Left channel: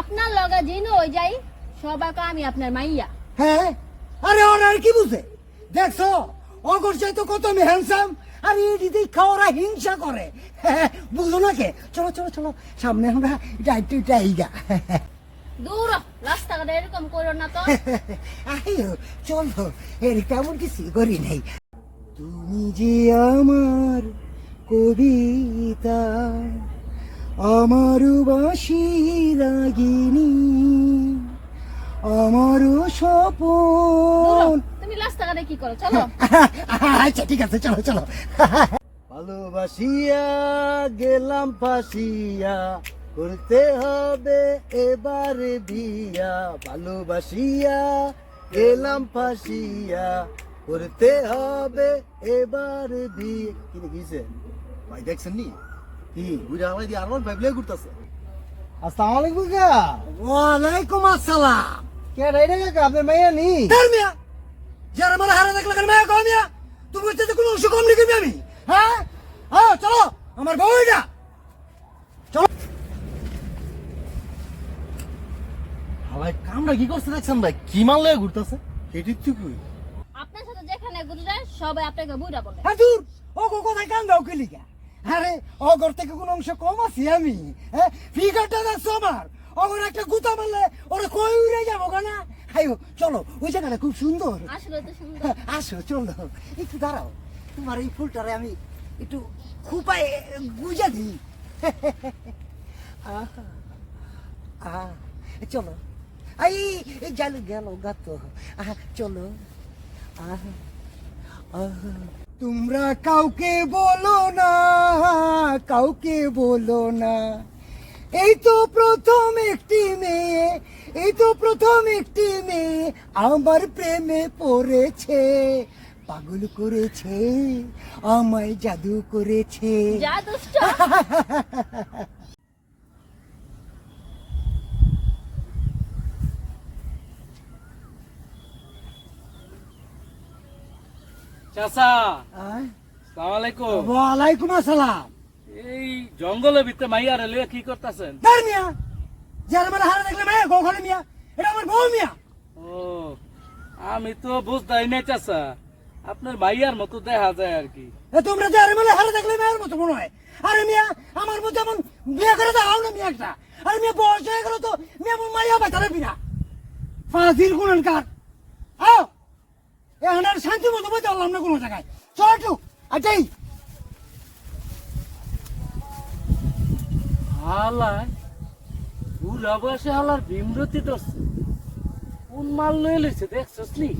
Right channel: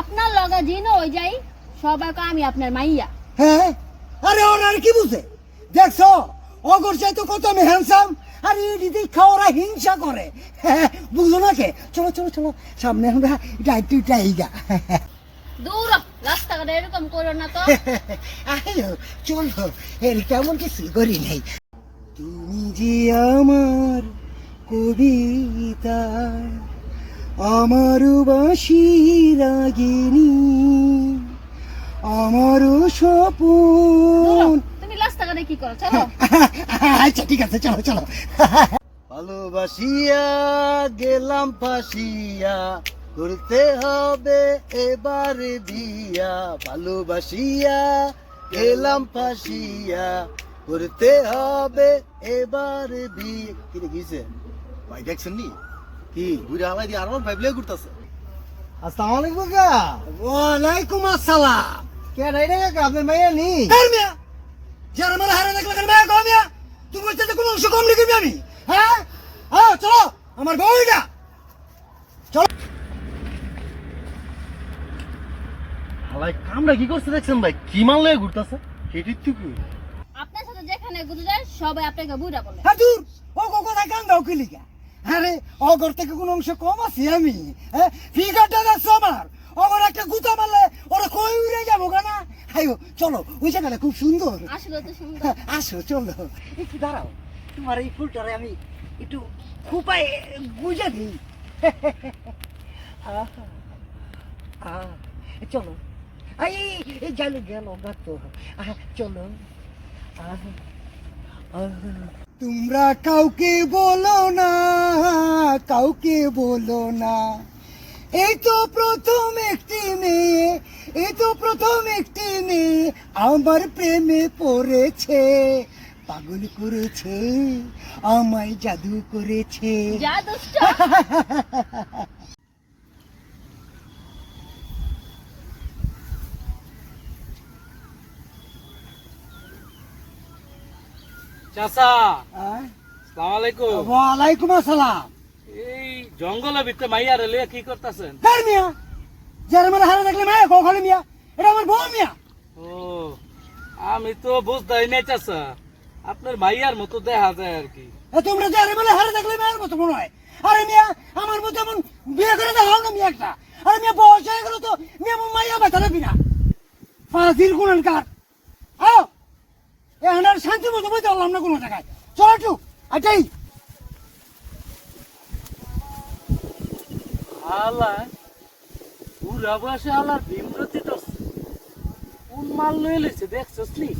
আপনার লগে জিন ওই যাই সবাই আমি আপনার মাইয়া। হ্যাঁ? আরে ওরা আর কি বুঝে? দেখছ অগর চাইতো কত আমি হ্যান্ডসাম আর ইডি দেখা ওরা হিংসা করে। হ্যাঁ, বুঝলো না কে? চলো চলো চলো সামনে আমরা এটা একটু এটা এইগা দূর রাস্তাঘাটে এরকম করো না তো। আইও চলো এর কেমন কিছু করি নাই। তুমি যে আমার কবিতা আমার বাসি রাগিনী আমার স্বপন। তুমি রাস্তাঘাটে কি করো? চলো। আচ্ছা ঠিক আছে চলো চলো। ভালোবাসিয়া গেলাম ফাঁসিয়া করতে হবে এবারে বিয়া। ভালোবাসিয়া গেলাম ফাঁসিয়া করতে হবে এবারে বিয়ে। কি রে গিয়েছে ভাই দেখছেন নি? কি বুড়া হালাই দিয়ে আরমান ভাইবলে ঘুরতাছে। আসসালামু আলাইকুম কাকা। ওয়ালাইকুম আসসালাম। কে রে রে কাকা আপনার মাইয়া নি? তার মিয়া যারা মারা হারা দেখলে কেন মাইয়া কম মিয়া? তুমি বলতে কোনো অংশ কম লিখবি আমি। হ্যাঁ? হ্যাঁ চলো আমার বউ এটা হালাই কামরা কি করছে দেখছেন ভাই? কি মাল লয়ে ঘুরতাছে? হেটির টুকু আপনার সাথে যেখানে ঘুরে যায় সবাই আপনাকে বুড়া বলে। হ্যাঁ দূর। ও কোথায় কান দাও কি লিখা আরে অগর থেকে কোনো অংশ কম আছি আমি হ্যাঁ? ফিগারটা দেখছ আমার? অগর একটা গুতা মারলে ওরা কই উড়ে যাব কেনা আইও চলো ওই জায়গাটা খুব সুন্দর। সুন্দর। আসো চলো। একটু দাঁড়াও তোমার এই ফুলটারে আমি একটু খুপায় গুজা দিই। চলো। এই গেল গেল গাত চলো। তোমরা কাউকে বলো না। কাউকে বলো না। এই তো প্রথম একটি মেয়ে এই তো প্রথম একটি মেয়ে আমার প্রেমে পড়েছে। পাগল করেছে আমায় জাদু করেছে। যা দুষ্ট। চাচা আহ, সালাম আলাইকুম। ওয়ালাইকুম আসসালাম। এই জঙ্গলের ভিতরে মাইয়ারে লিয়ে কি করতেছেন? যারা মানে হারা দেখলে মায়া কখনো মিয়া এটা আমার বউ মিয়া। ও আমি তো বুঝতেই নাই চাচা আপনার মাইয়ার মতো দেখা যায় আর কি। এ তোমরা যারা মানে হারা দেখলে মেয়ের মতো মনে হয়। আরে মিয়া আমার মতো এমন বিয়ে করে দেখাও না মিয়া একটা। আরে মিয়া বয়স হয়ে গেল তো মিয়া মাইয়া বেচা রাখবি না। ফাজিল কোন কার আও এখন আর শান্তি মতো পারলাম না কোনো জায়গায়। চল একটু এটাই হালায় পুরা বয়সে হালার ভীমরতি করছে। কোন মাল লইলেছে দেখছস নি